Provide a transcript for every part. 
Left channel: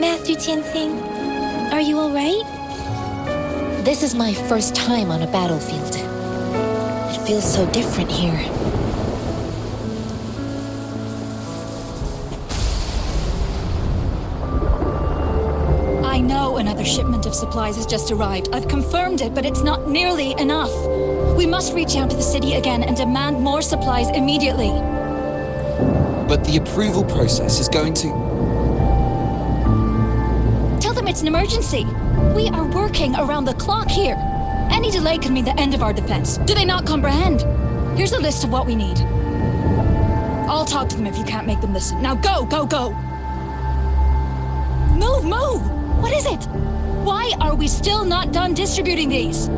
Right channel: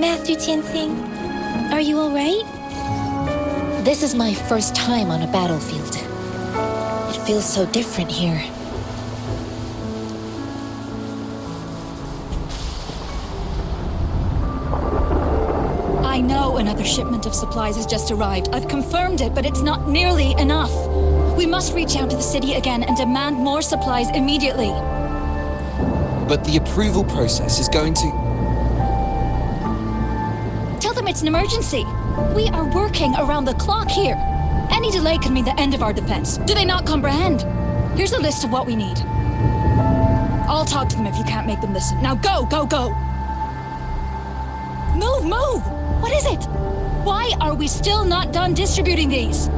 Master Tianxing, are you alright? This is my first time on a battlefield. It feels so different here. I know another shipment of supplies has just arrived. I've confirmed it, but it's not nearly enough. We must reach out to the city again and demand more supplies immediately. But the approval process is going to... Tell them it's an emergency. We are working around the clock here. Any delay could mean the end of our defense. Do they not comprehend? Here's a list of what we need. I'll talk to them if you can't make them listen. Now go, go, go! Move, move! What is it? Why are we still not done distributing these?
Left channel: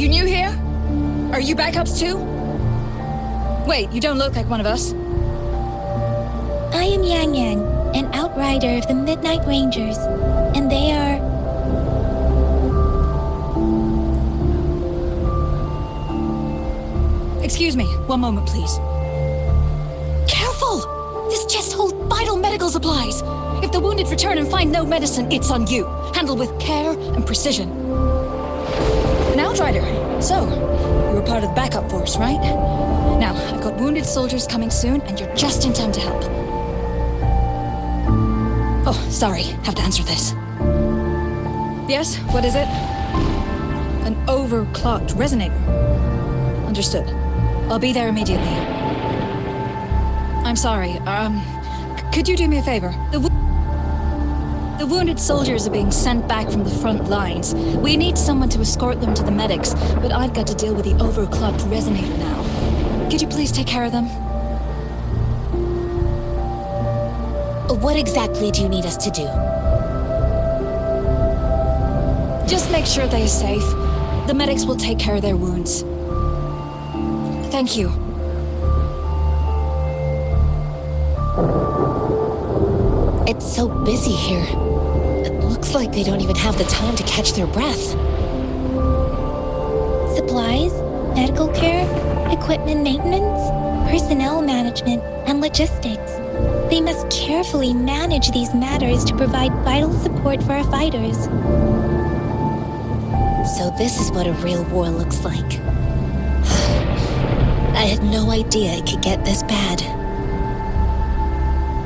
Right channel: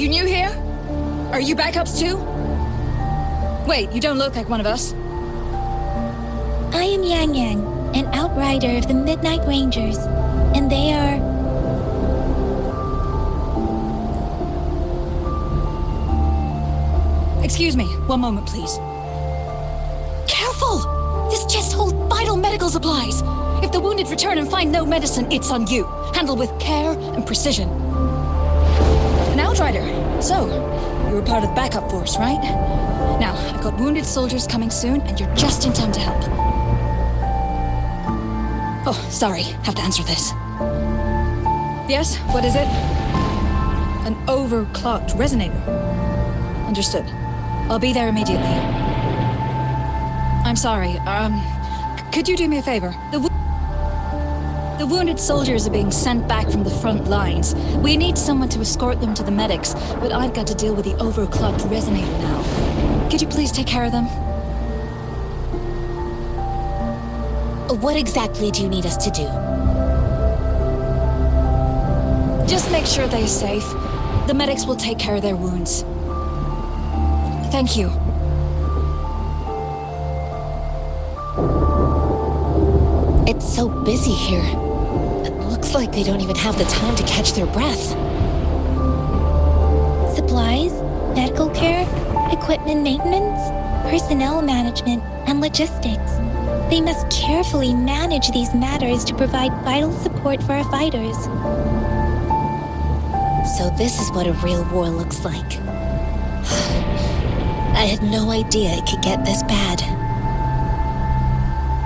You new here? Are you backups too? Wait, you don't look like one of us. I am Yang Yang, an outrider of the Midnight Rangers, and they are... Excuse me, one moment please. Careful! This chest holds vital medical supplies. If the wounded return and find no medicine, it's on you. Handle with care and precision. An outrider. So, you were part of the backup force, right? Now, I've got wounded soldiers coming soon, and you're just in time to help. Oh, sorry. Have to answer this. Yes, what is it? An overclocked resonator. Understood. I'll be there immediately. I'm sorry, could you do me a favor? The wounded soldiers are being sent back from the front lines. We need someone to escort them to the medics, but I've got to deal with the overclocked resonator now. Could you please take care of them? What exactly do you need us to do? Just make sure they're safe. The medics will take care of their wounds. Thank you. It's so busy here. It looks like they don't even have the time to catch their breath. Supplies, medical care, equipment maintenance, personnel management, and logistics. They must carefully manage these matters to provide vital support for our fighters. So this is what a real war looks like. I had no idea it could get this bad.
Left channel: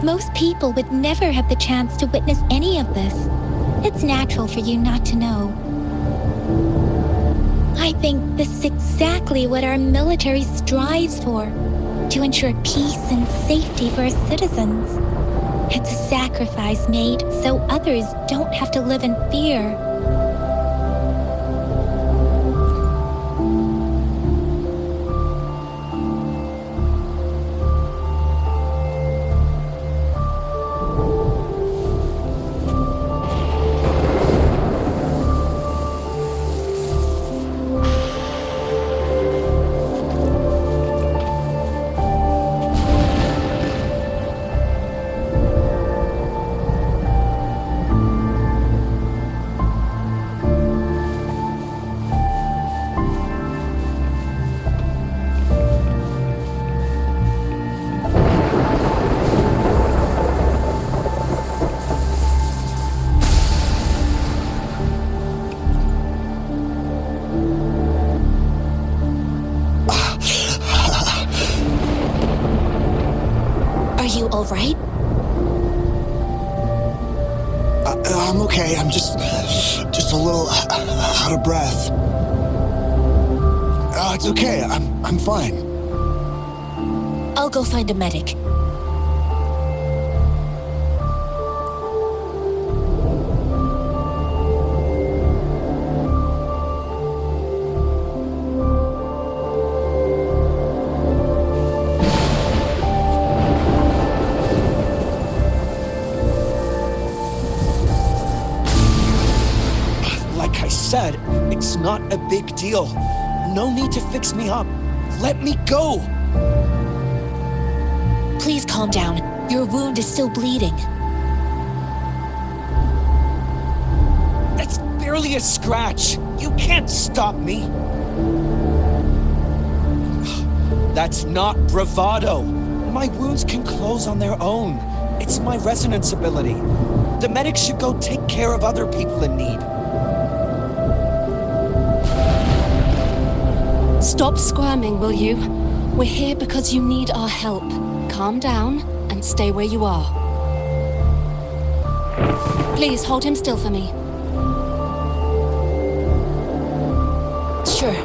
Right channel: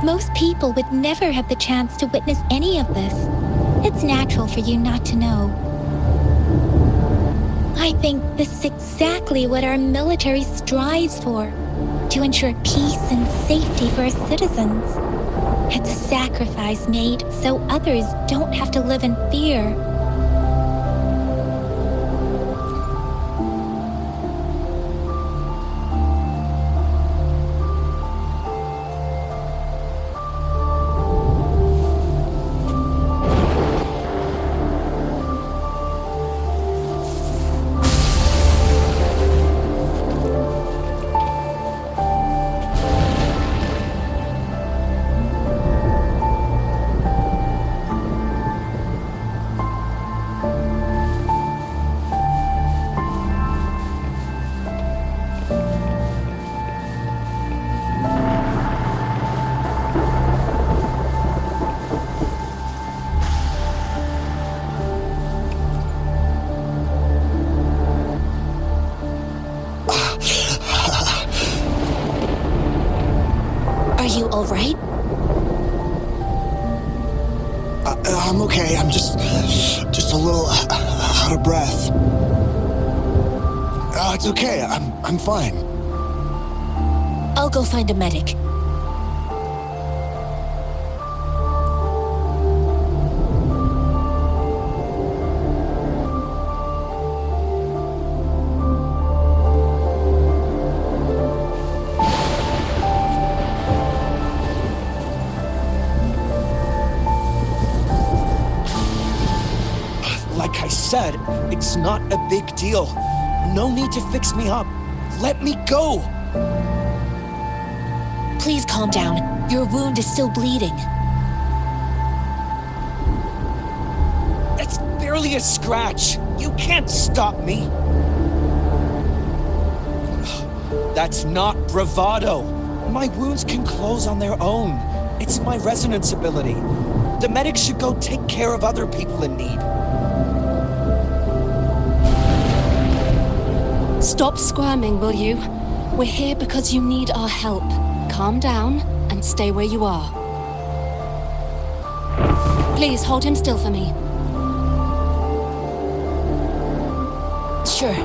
Most people would never have the chance to witness any of this. It's natural for you not to know. I think this is exactly what our military strives for, to ensure peace and safety for our citizens. It's a sacrifice made so others don't have to live in fear. Are you all right? I'm okay. I'm just a little out of breath. It's okay. I'm fine. I'll go find a medic. Like I said, it's not a big deal. No need to fix me up. Let me go! Please calm down. Your wound is still bleeding. That's barely a scratch. You can't stop me. That's not bravado. My wounds can close on their own. It's my resonance ability. The medics should go take care of other people in need. Stop squirming, will you? We're here because you need our help. Calm down and stay where you are. Please hold him still for me. Sure.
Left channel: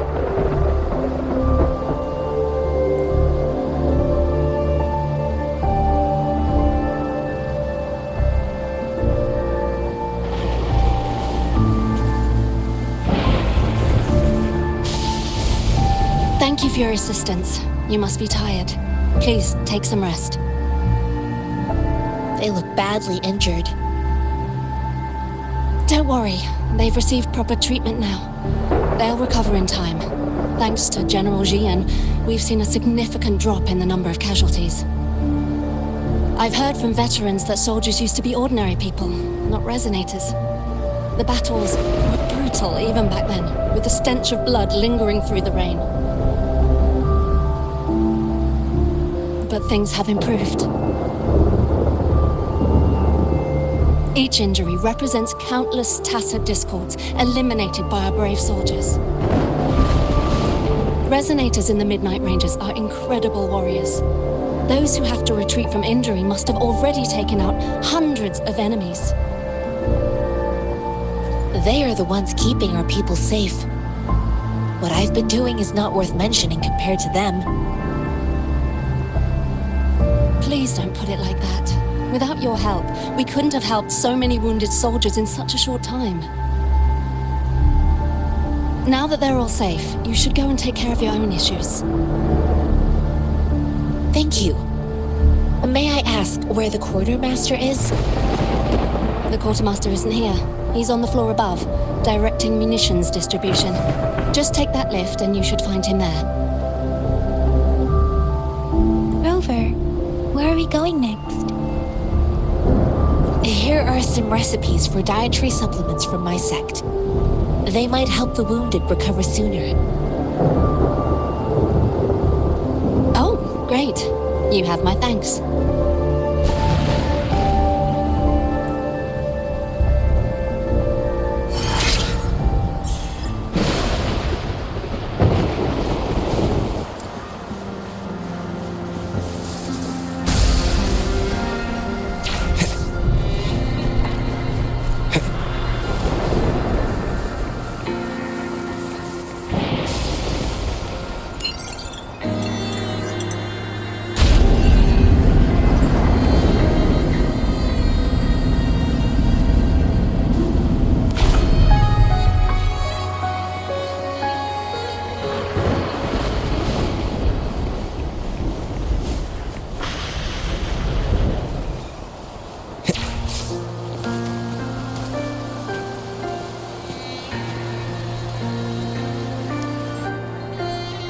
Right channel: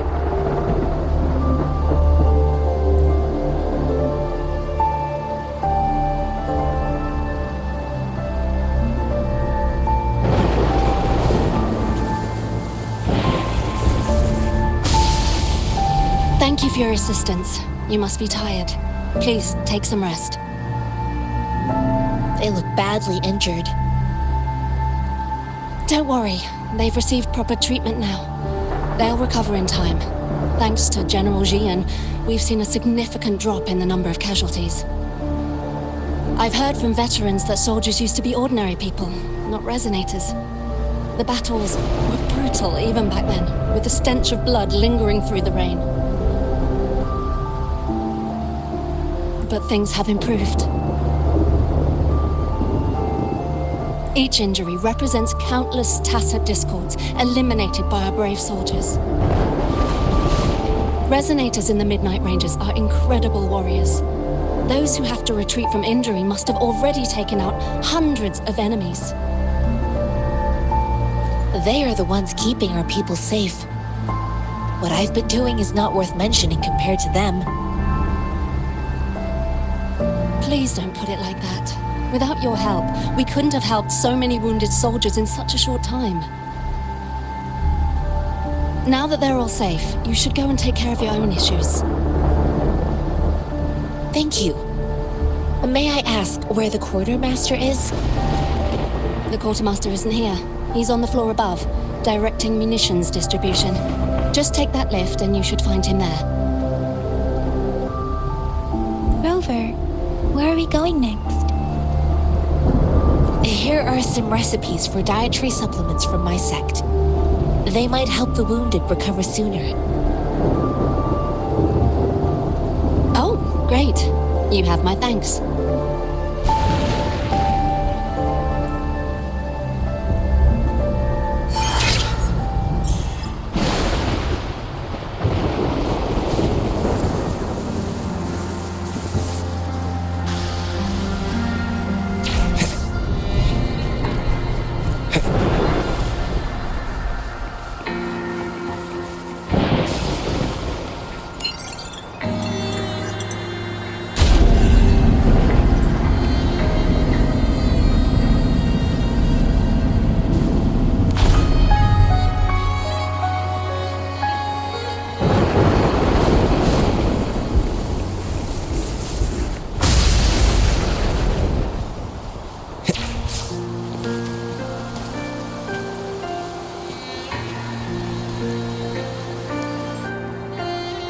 Thank you for your assistance. You must be tired. Please, take some rest. They look badly injured. Don't worry. They've received proper treatment now. They'll recover in time. Thanks to General Jian, we've seen a significant drop in the number of casualties. I've heard from veterans that soldiers used to be ordinary people, not resonators. The battles were brutal even back then, with the stench of blood lingering through the rain. But things have improved. Each injury represents countless tacit discords eliminated by our brave soldiers. Resonators in the Midnight Rangers are incredible warriors. Those who have to retreat from injury must have already taken out hundreds of enemies. They are the ones keeping our people safe. What I've been doing is not worth mentioning compared to them. Please don't put it like that. Without your help, we couldn't have helped so many wounded soldiers in such a short time. Now that they're all safe, you should go and take care of your own issues. Thank you. May I ask where the quartermaster is? The quartermaster isn't here. He's on the floor above, directing munitions distribution. Just take that lift and you should find him there. Rover, where are we going next? Here are some recipes for dietary supplements from my sect. They might help the wounded recover sooner. Oh, great. You have my thanks.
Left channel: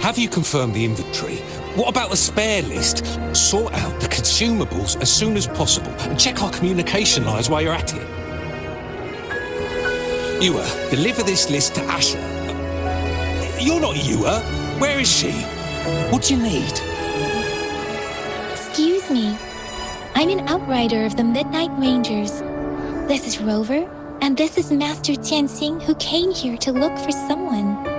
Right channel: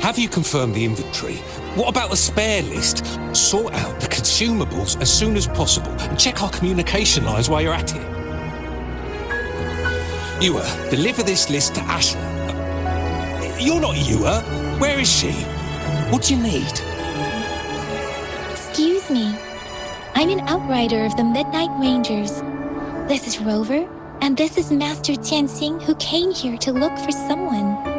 Have you confirmed the inventory? What about the spare list? Sort out the consumables as soon as possible and check our communication lines while you're at it. Yua, deliver this list to Asher. You're not Yua. Where is she? What do you need? Excuse me. I'm an outrider of the Midnight Rangers. This is Rover, and this is Master Tianxing, who came here to look for someone.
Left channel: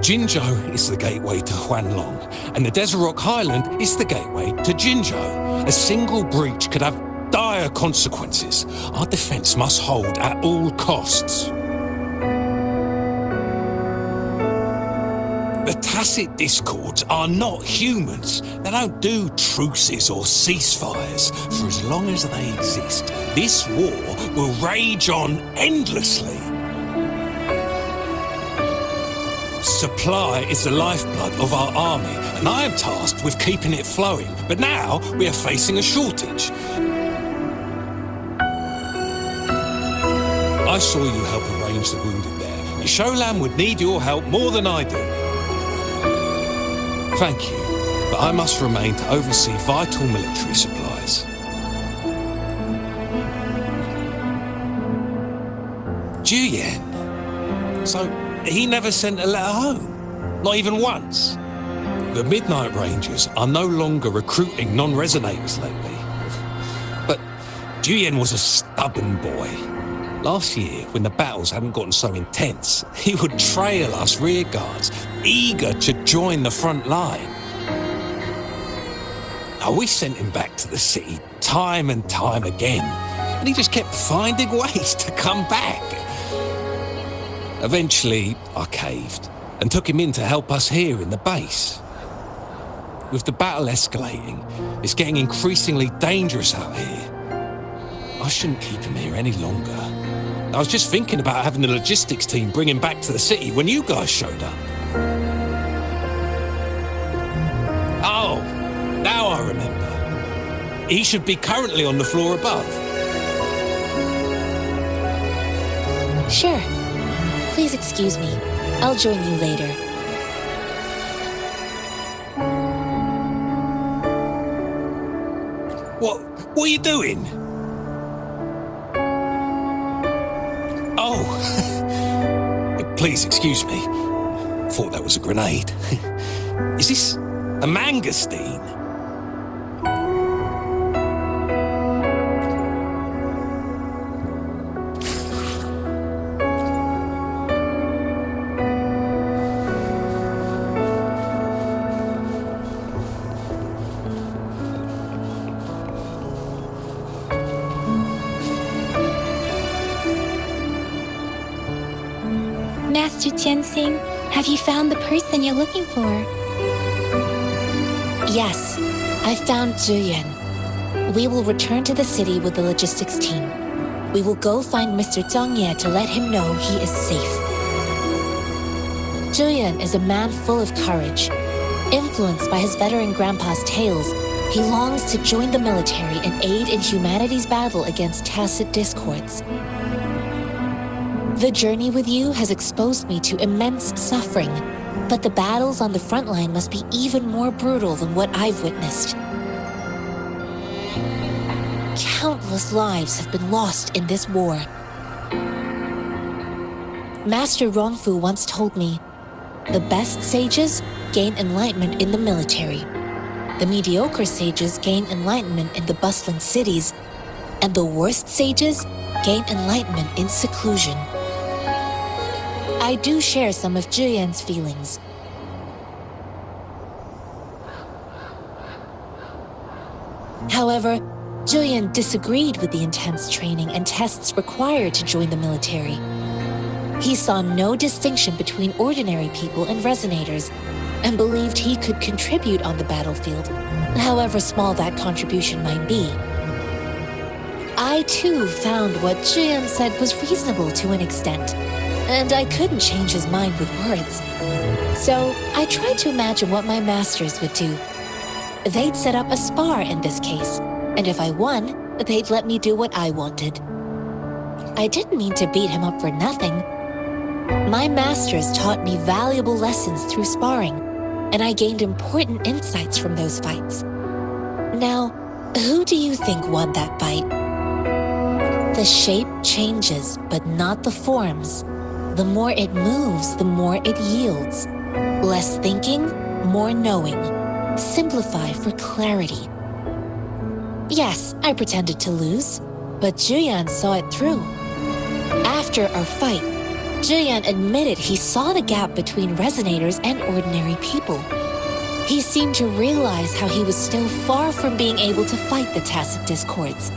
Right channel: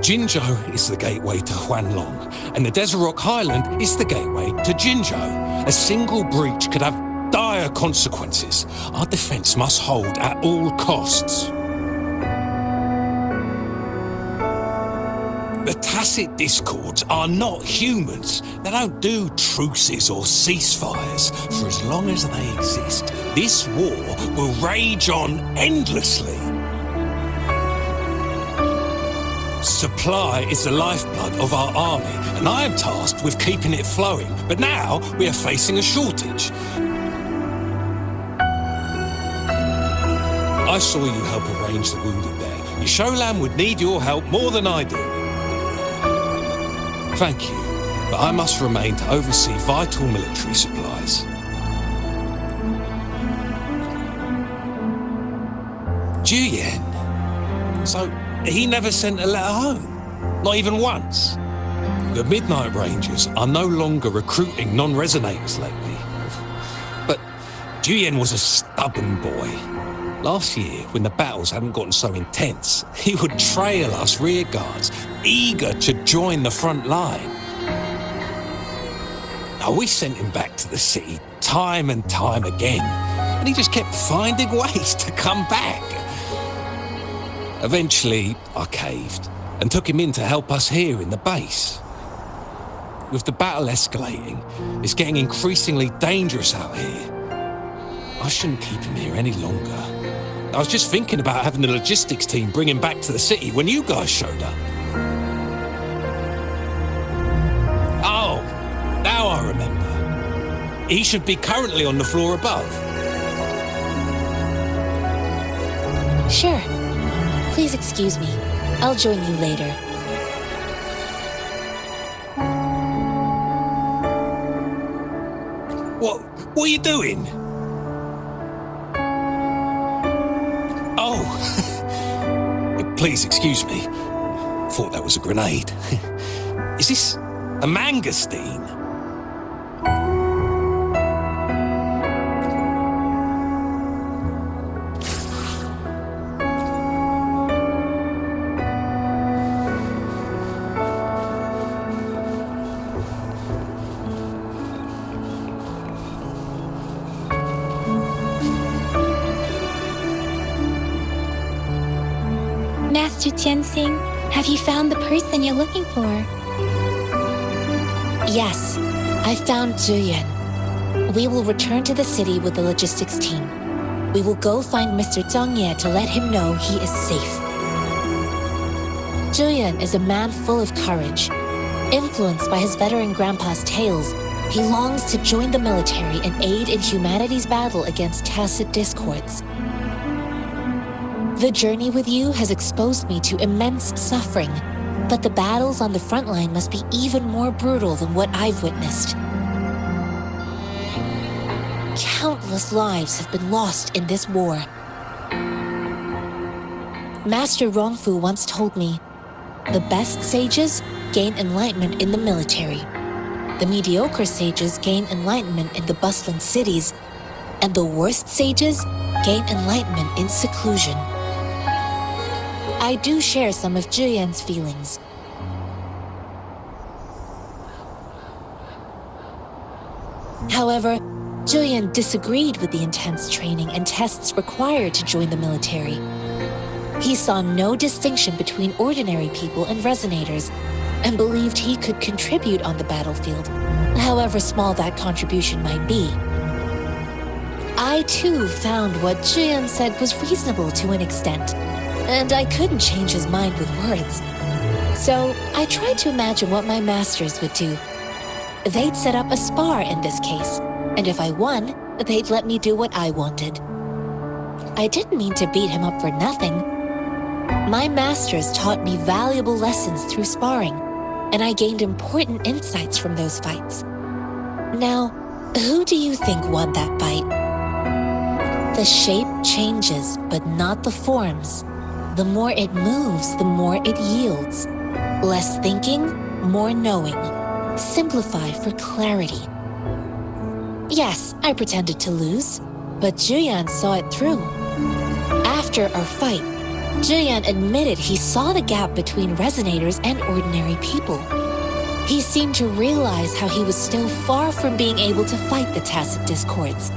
Jinzhou is the gateway to Huanlong, and the Desert Rock Highland is the gateway to Jinzhou. A single breach could have dire consequences. Our defense must hold at all costs. The tacit discords are not humans. They don't do truces or ceasefires. For as long as they exist, this war will rage on endlessly. Supply is the lifeblood of our army, and I am tasked with keeping it flowing. But now we are facing a shortage. I saw you help arrange the wounded there. Yisholam would need your help more than I do. Thank you, but I must remain to oversee vital military supplies. Juyen. So he never sent a letter home? Not even once? the Midnight Rangers are no longer recruiting non-resonators lately. But Juyen was a stubborn boy. Last year, when the battles hadn't gotten so intense, he would trail us rearguards, eager to join the front line. Now, we sent him back to the city time and time again, and he just kept finding ways to come back. Eventually, I caved and took him in to help us here in the base. With the battle escalating, it's getting increasingly dangerous out here. I shouldn't keep him here any longer. I was just thinking about having the logistics team bring him back to the city when you guys showed up. Oh, now I remember. He should be currently on the floor above. Sure. Please excuse me. I'll join you later. What are you doing? Oh, please excuse me. Thought that was a grenade. Is this a mangosteen? Master Tianxing, have you found the person you're looking for? Yes, I found Juyen. We will return to the city with the logistics team. We will go find Mr. Zhang Ye to let him know he is safe. Juyen is a man full of courage. Influenced by his veteran grandpa's tales, he longs to join the military and aid in humanity's battle against tacit discords. The journey with you has exposed me to immense suffering, but the battles on the front line must be even more brutal than what I've witnessed. Countless lives have been lost in this war. Master Rongfu once told me, the best sages gain enlightenment in the military. The mediocre sages gain enlightenment in the bustling cities, and the worst sages gain enlightenment in seclusion. I do share some of Juyen's feelings. However, Juyen disagreed with the intense training and tests required to join the military. He saw no distinction between ordinary people and resonators, and believed he could contribute on the battlefield, however small that contribution might be. I too found what Juyen said was reasonable to an extent, and I couldn't change his mind with words. So I tried to imagine what my masters would do. They'd set up a spar in this case, and if I won, they'd let me do what I wanted. I didn't mean to beat him up for nothing. My masters taught me valuable lessons through sparring, and I gained important insights from those fights. Now, who do you think won that fight? The shape changes, but not the forms. The more it moves, the more it yields. Less thinking, more knowing. Simplify for clarity. Yes, I pretended to lose, but Juyen saw it through. After our fight, Juyen admitted he saw the gap between resonators and ordinary people. He seemed to realize how he was still far from being able to fight the tacit discords.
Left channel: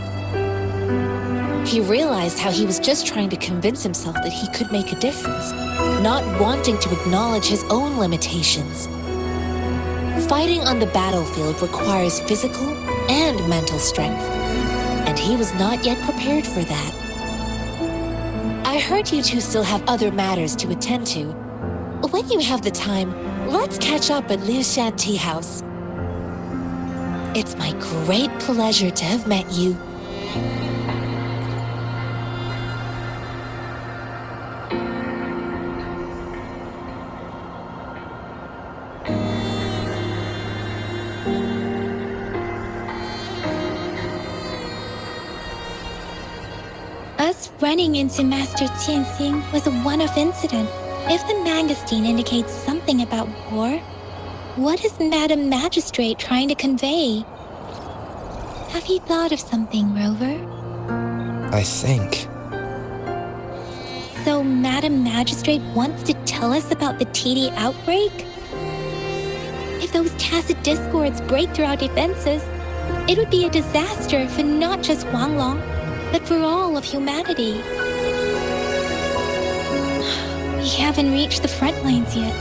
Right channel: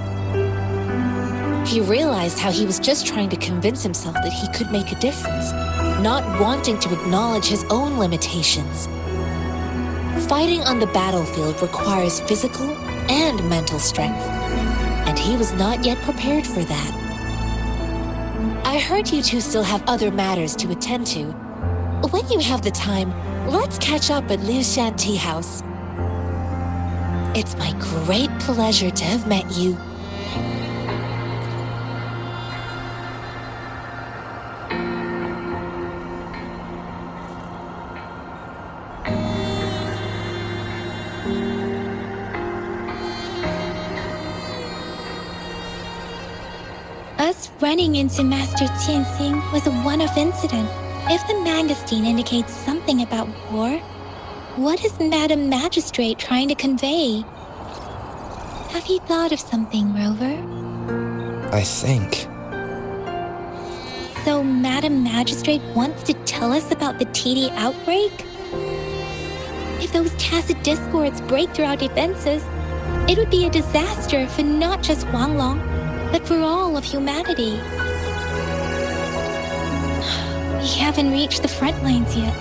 He realized how he was just trying to convince himself that he could make a difference, not wanting to acknowledge his own limitations. Fighting on the battlefield requires physical and mental strength, and he was not yet prepared for that. I heard you two still have other matters to attend to. When you have the time, let's catch up at Liu Shan Tea House. It's my great pleasure to have met you. Us running into Master Tianxing was a one-off incident. If the mangosteen indicates something about war, What is Madam Magistrate trying to convey? Have you thought of something, Rover? I think. So Madam Magistrate wants to tell us about the TD outbreak? If those tacit discords break through our defenses, it would be a disaster for not just Huanglong, but for all of humanity. We haven't reached the front lines yet,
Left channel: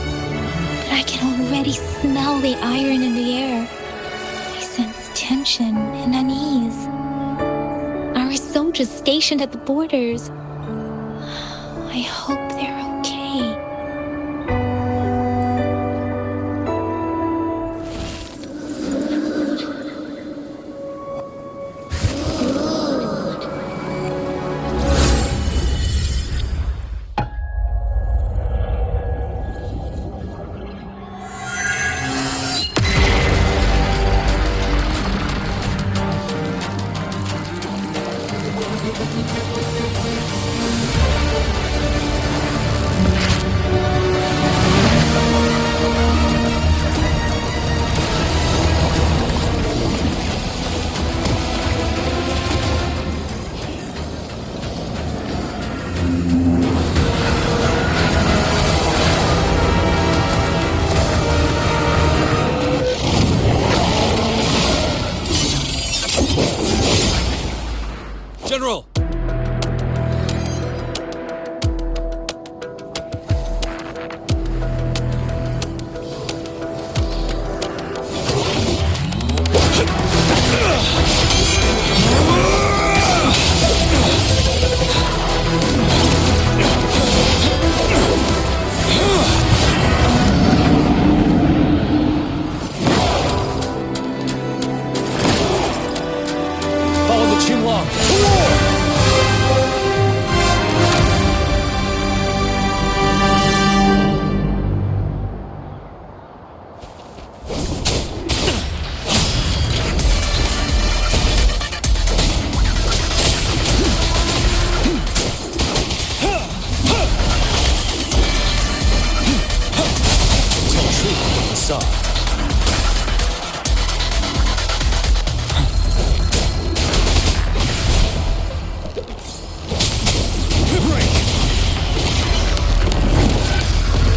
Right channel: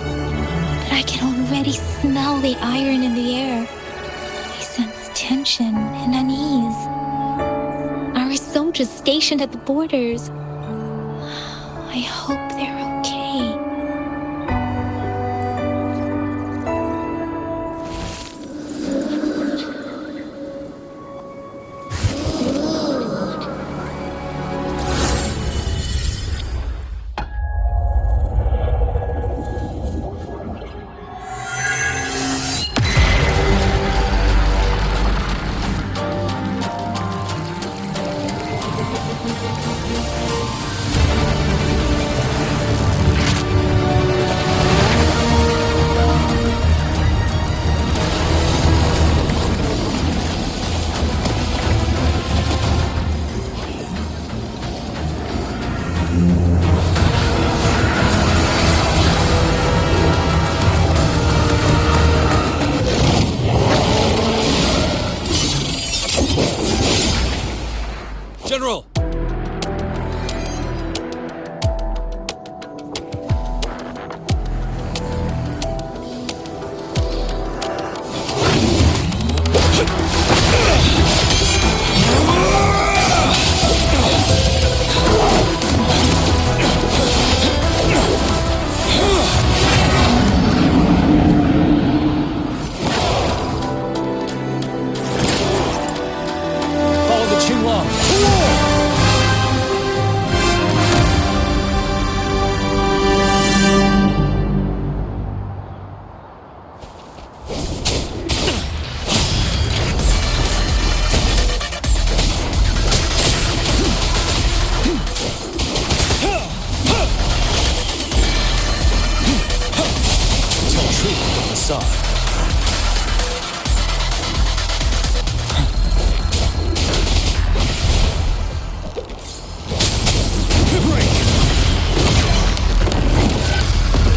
but I can already smell the iron in the air. I sense tension and unease. Our soldiers stationed at the borders. I hope they're okay. General! Follow the Qinglong to war! Tell truth to the facade.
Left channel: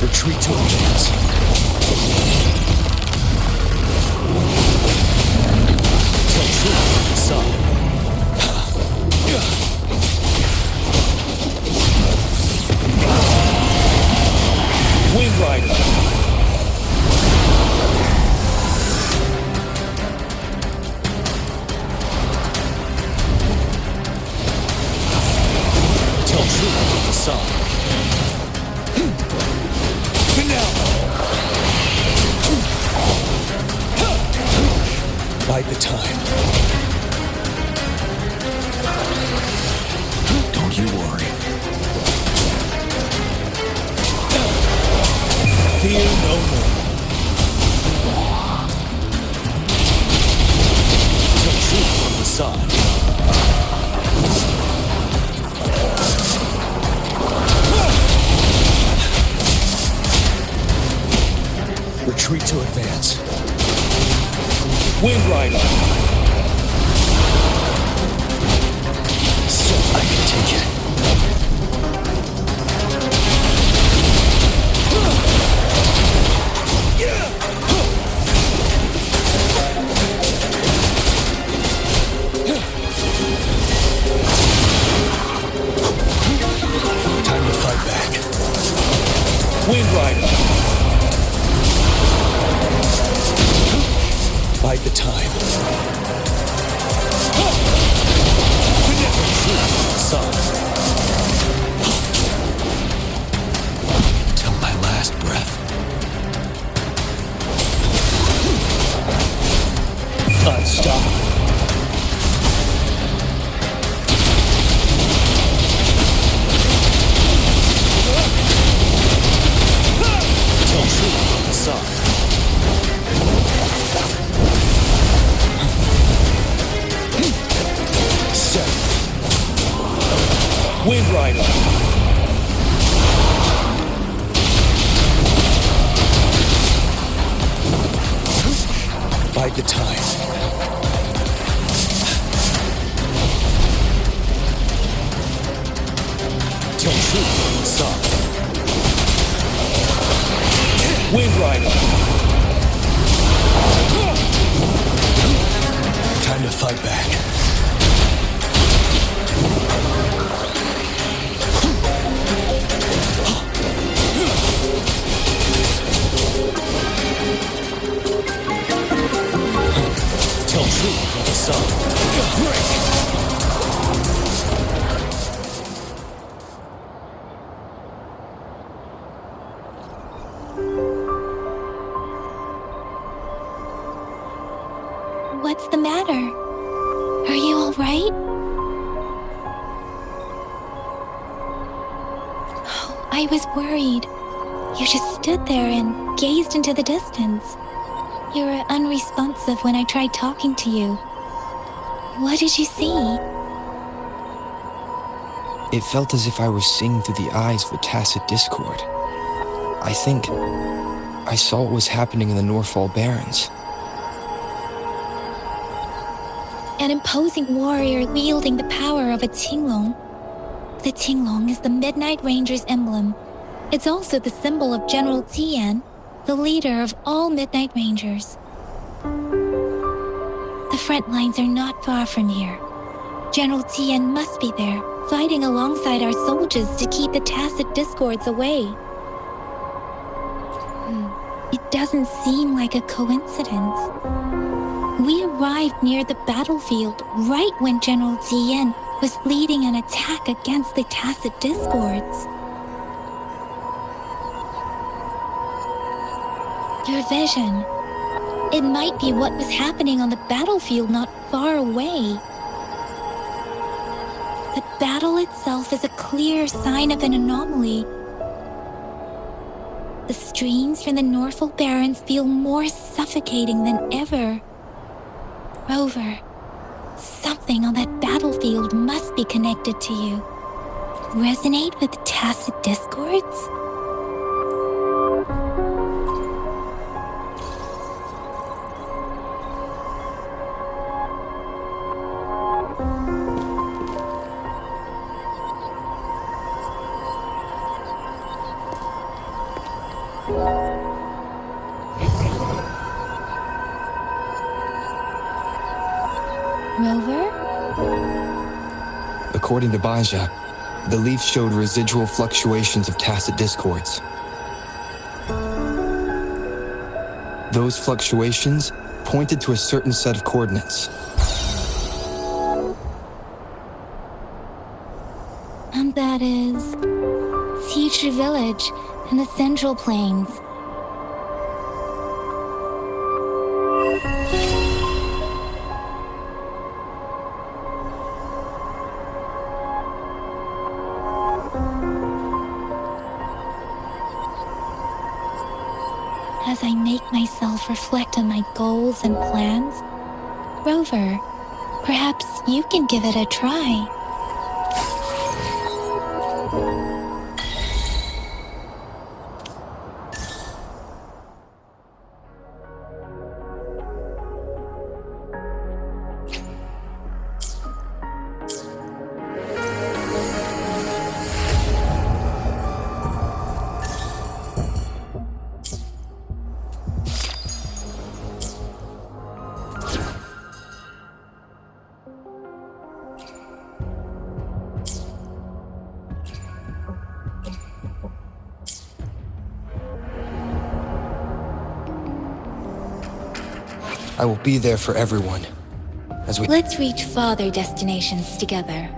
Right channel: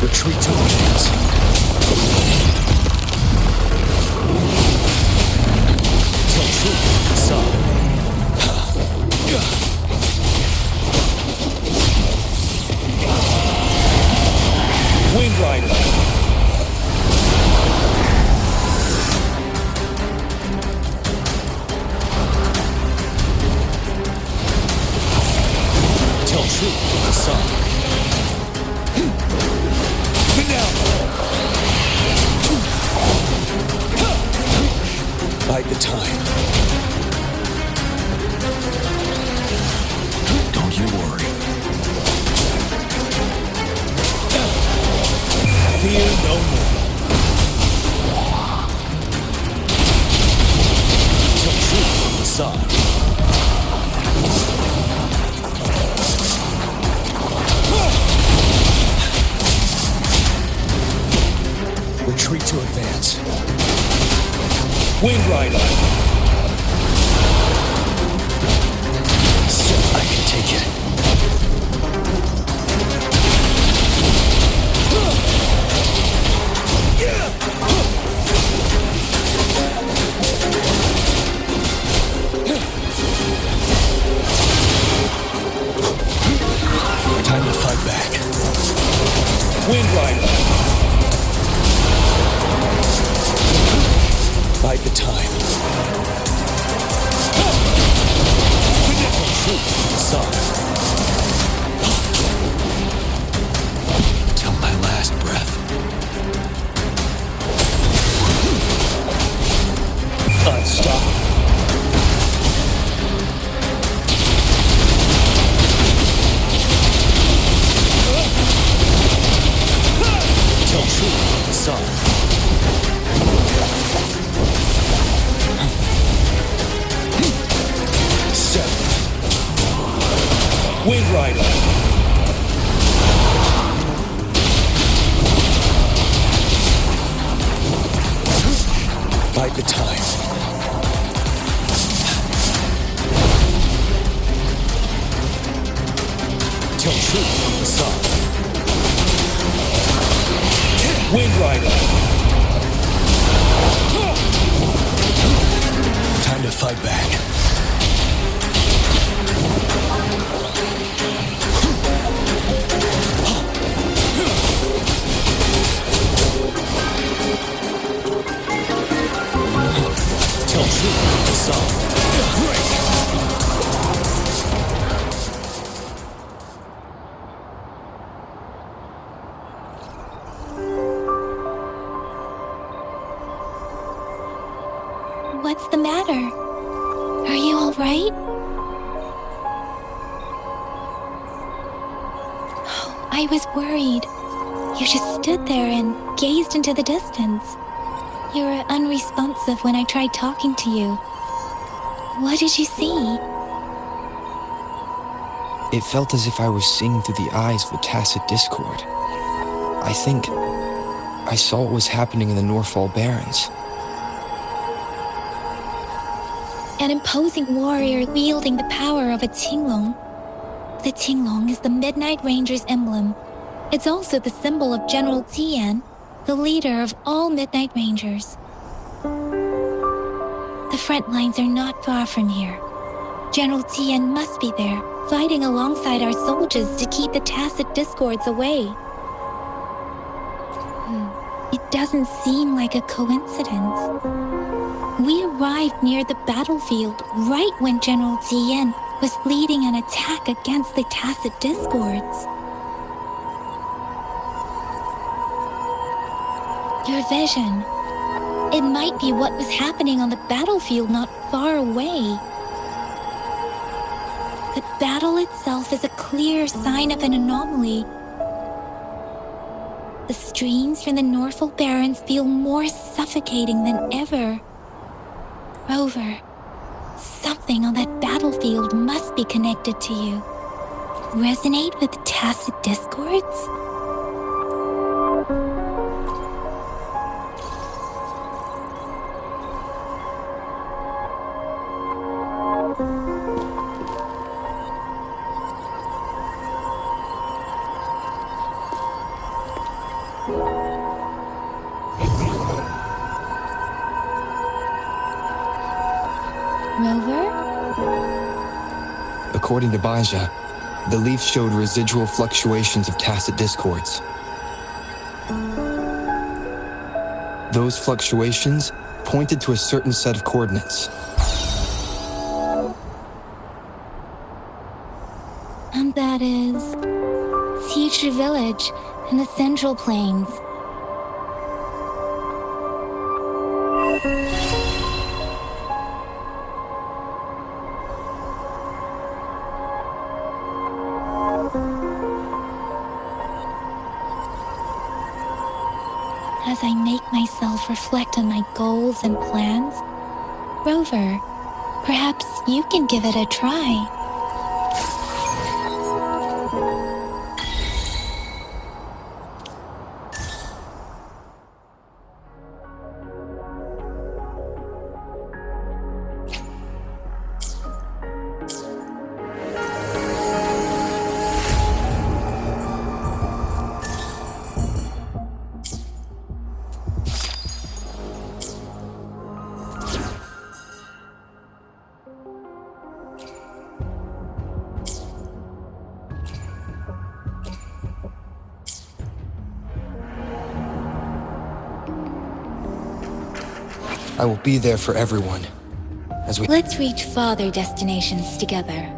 Retreat to advance. Tell truth to the facade. Wind Rider. Tell truth to the facade. Bide the time. Don't you worry. Fear no more. Tell truth from the side. Retreat to advance. Wind Rider. So I can take it. Time to fight back. Wind Rider. Bide the time. Till my last breath. Unstoppable. Tell truth on the side. Wind Rider. bide the time. Tell truth from the side. Wind Rider. Time to fight back. Tell truth from the side. Break! What's the matter? Are you all right? Oh, I was worried. You just stood there and gazed into the distance. You were unresponsive when I tried talking to you. What did you see? It felt as if I was seeing through the eyes of a tacit discord. I think I saw what was happening in the Norfall Barrens. An imposing warrior wielding the power of a Tinglong. The Tinglong is the Midnight Ranger's emblem. It's also the symbol of General Tian, the leader of all Midnight Rangers. The front lines are not far from here. General Tian must be there, fighting alongside our soldiers to keep the tacit discords away. It doesn't seem like a coincidence. We arrived near the battlefield right when General Tian was leading an attack against the tacit discords. Your vision. It might be what was happening on the battlefield not far away. The battle itself is a clear sign of an anomaly. The streams from the Norfall Barrens feel more suffocating than ever. Rover, something on that battlefield must be connected to you. Resonate with the tacit discords? Rover? According to Baja, the leaf showed residual fluctuations of tacit discords. Those fluctuations pointed to a certain set of coordinates. And that is Future Village in the Central Plains. As I make myself reflect on my goals and plans, Rover, perhaps you can give it a try. I will be there for everyone. As we Let's reach farther destinations together.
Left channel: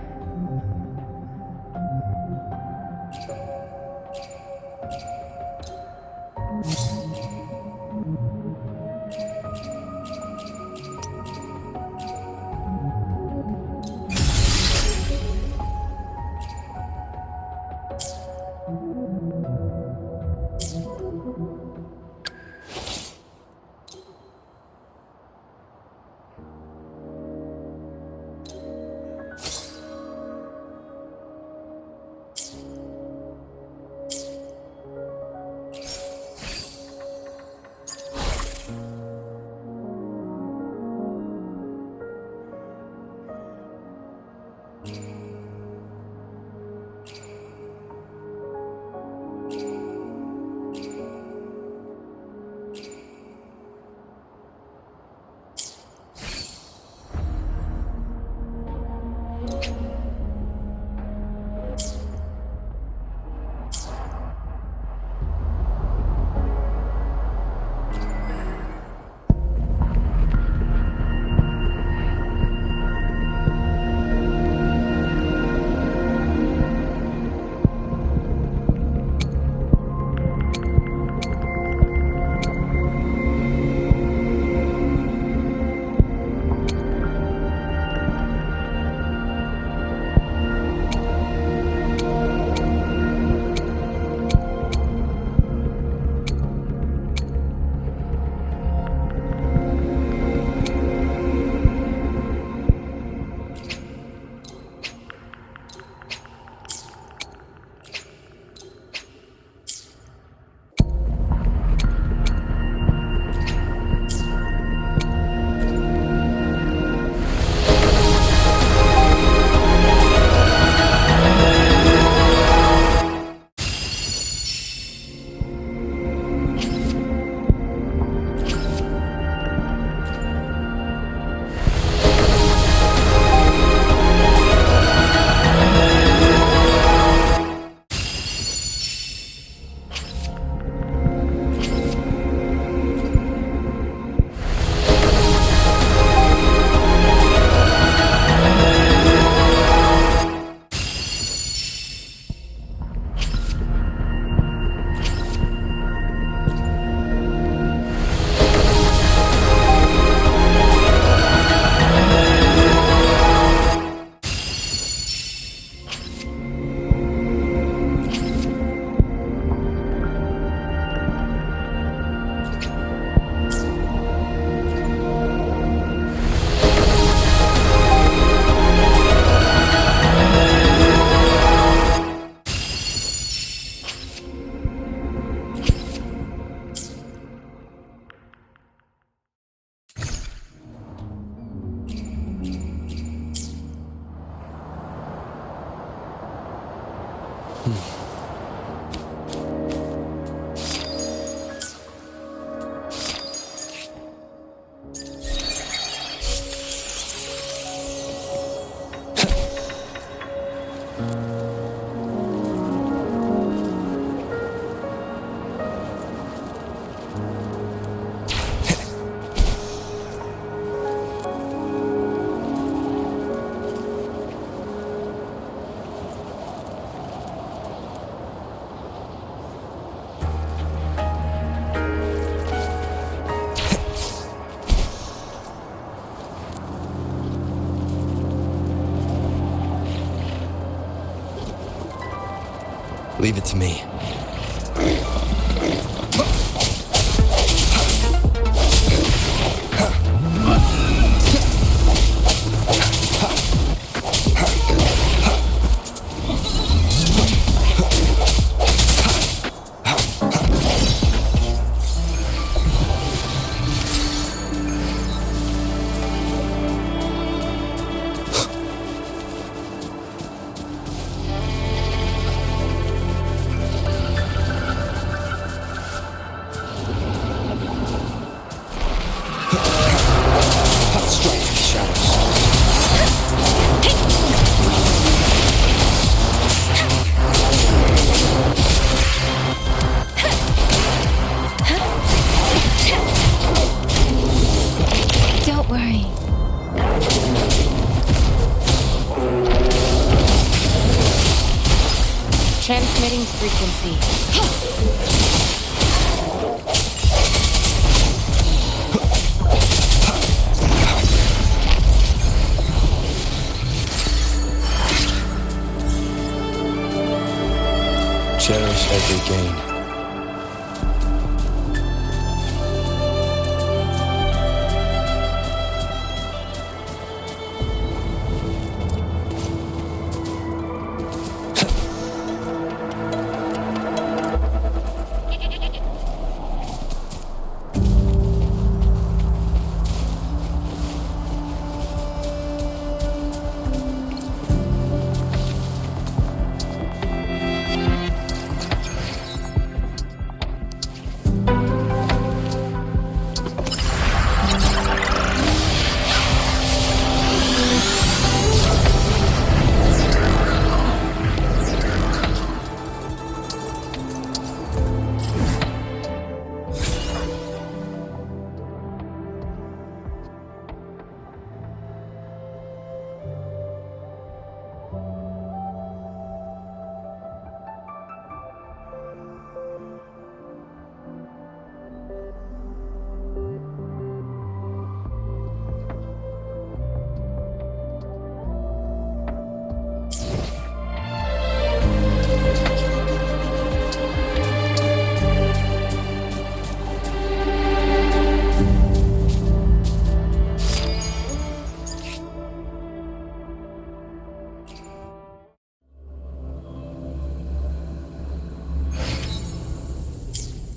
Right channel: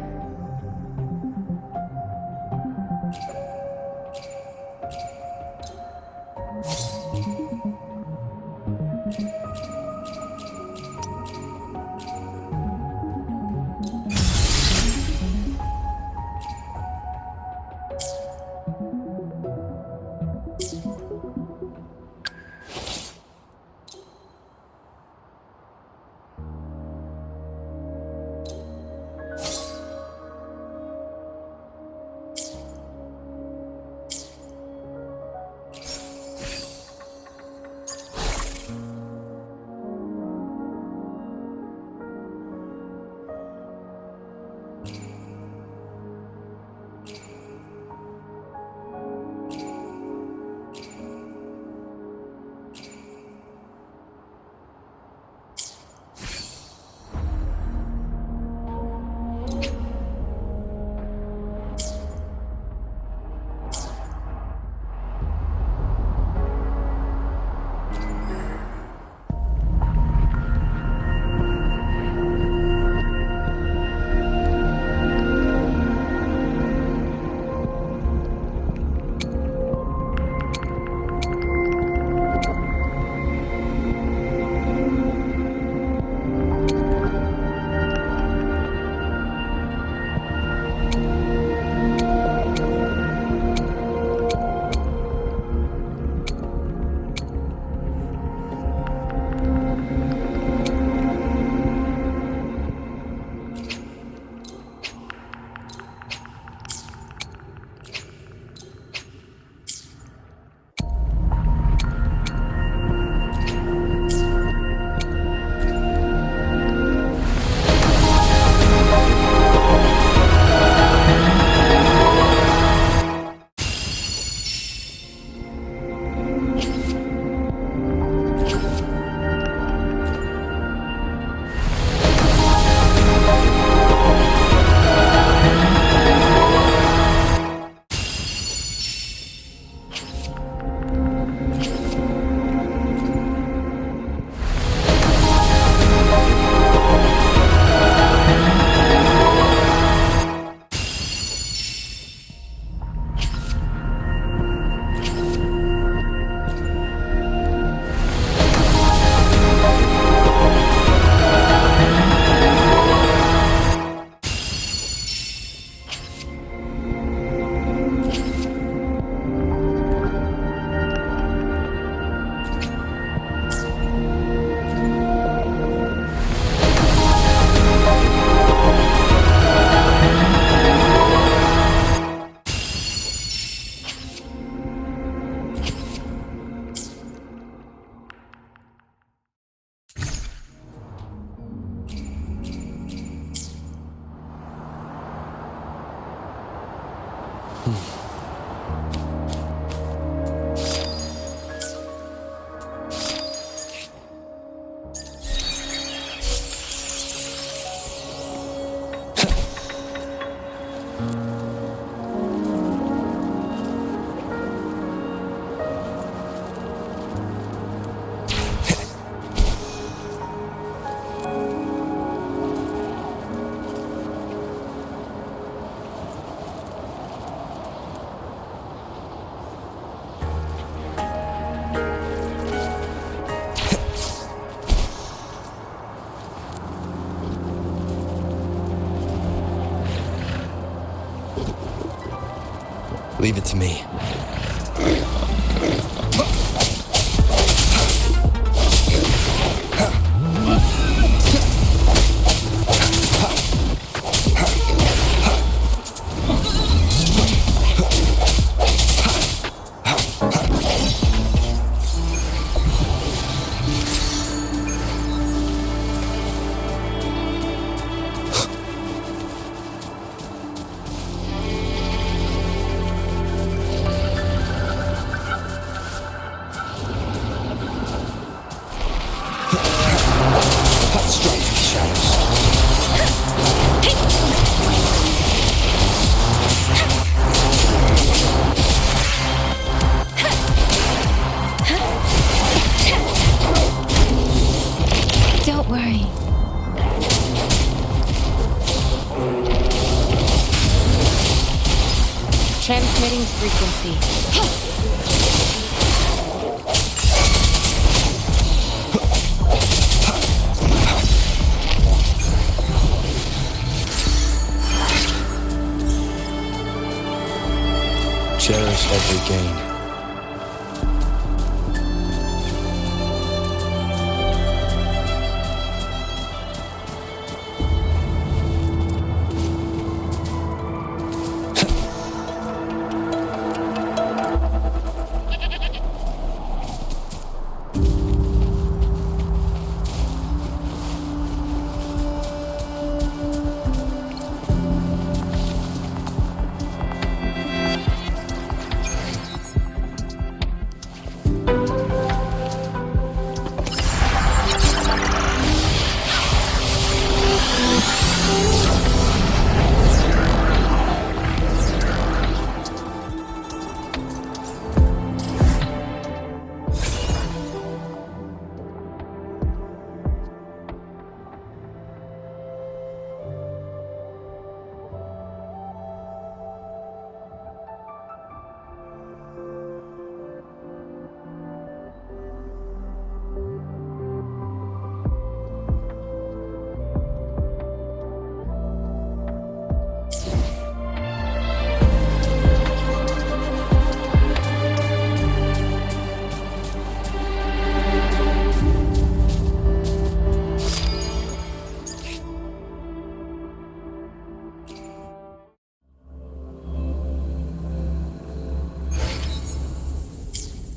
Leave it to me. Strike from the shadows. Don't worry. Transmitting frequency. Cherish every gain.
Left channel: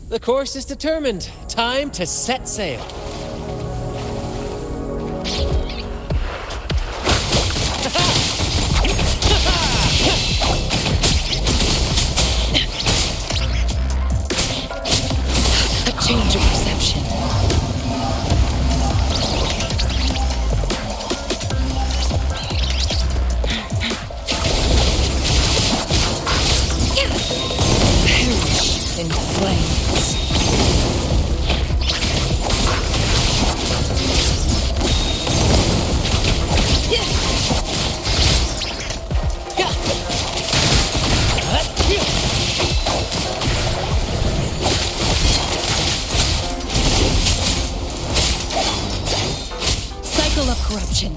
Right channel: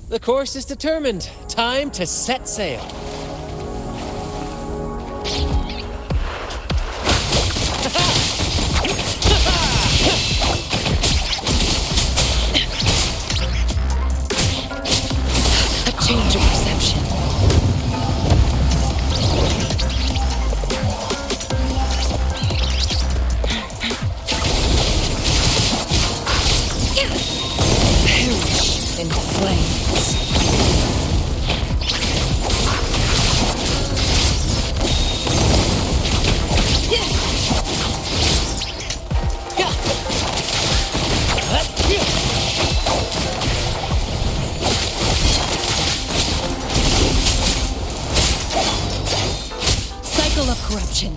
The course is determined. Time to set sail. A change of perception. Perish in flames. Cycle of corruption.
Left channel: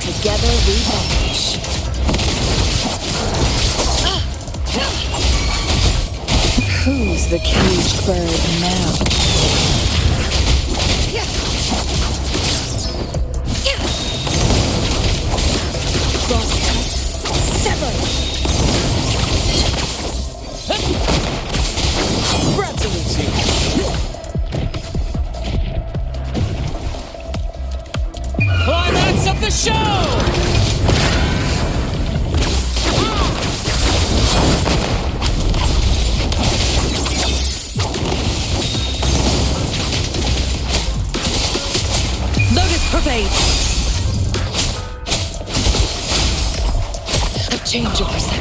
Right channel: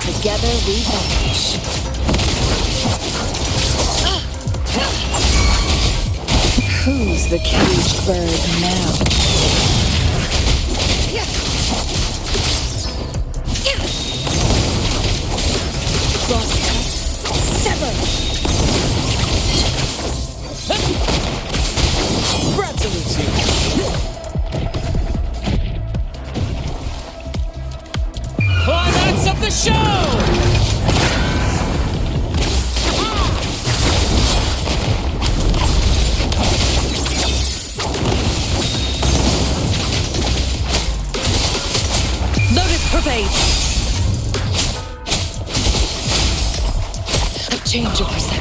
Together we vanish. Who's the caged bird now? Sever. Climax of the show! Lotus pervade. A change of perception.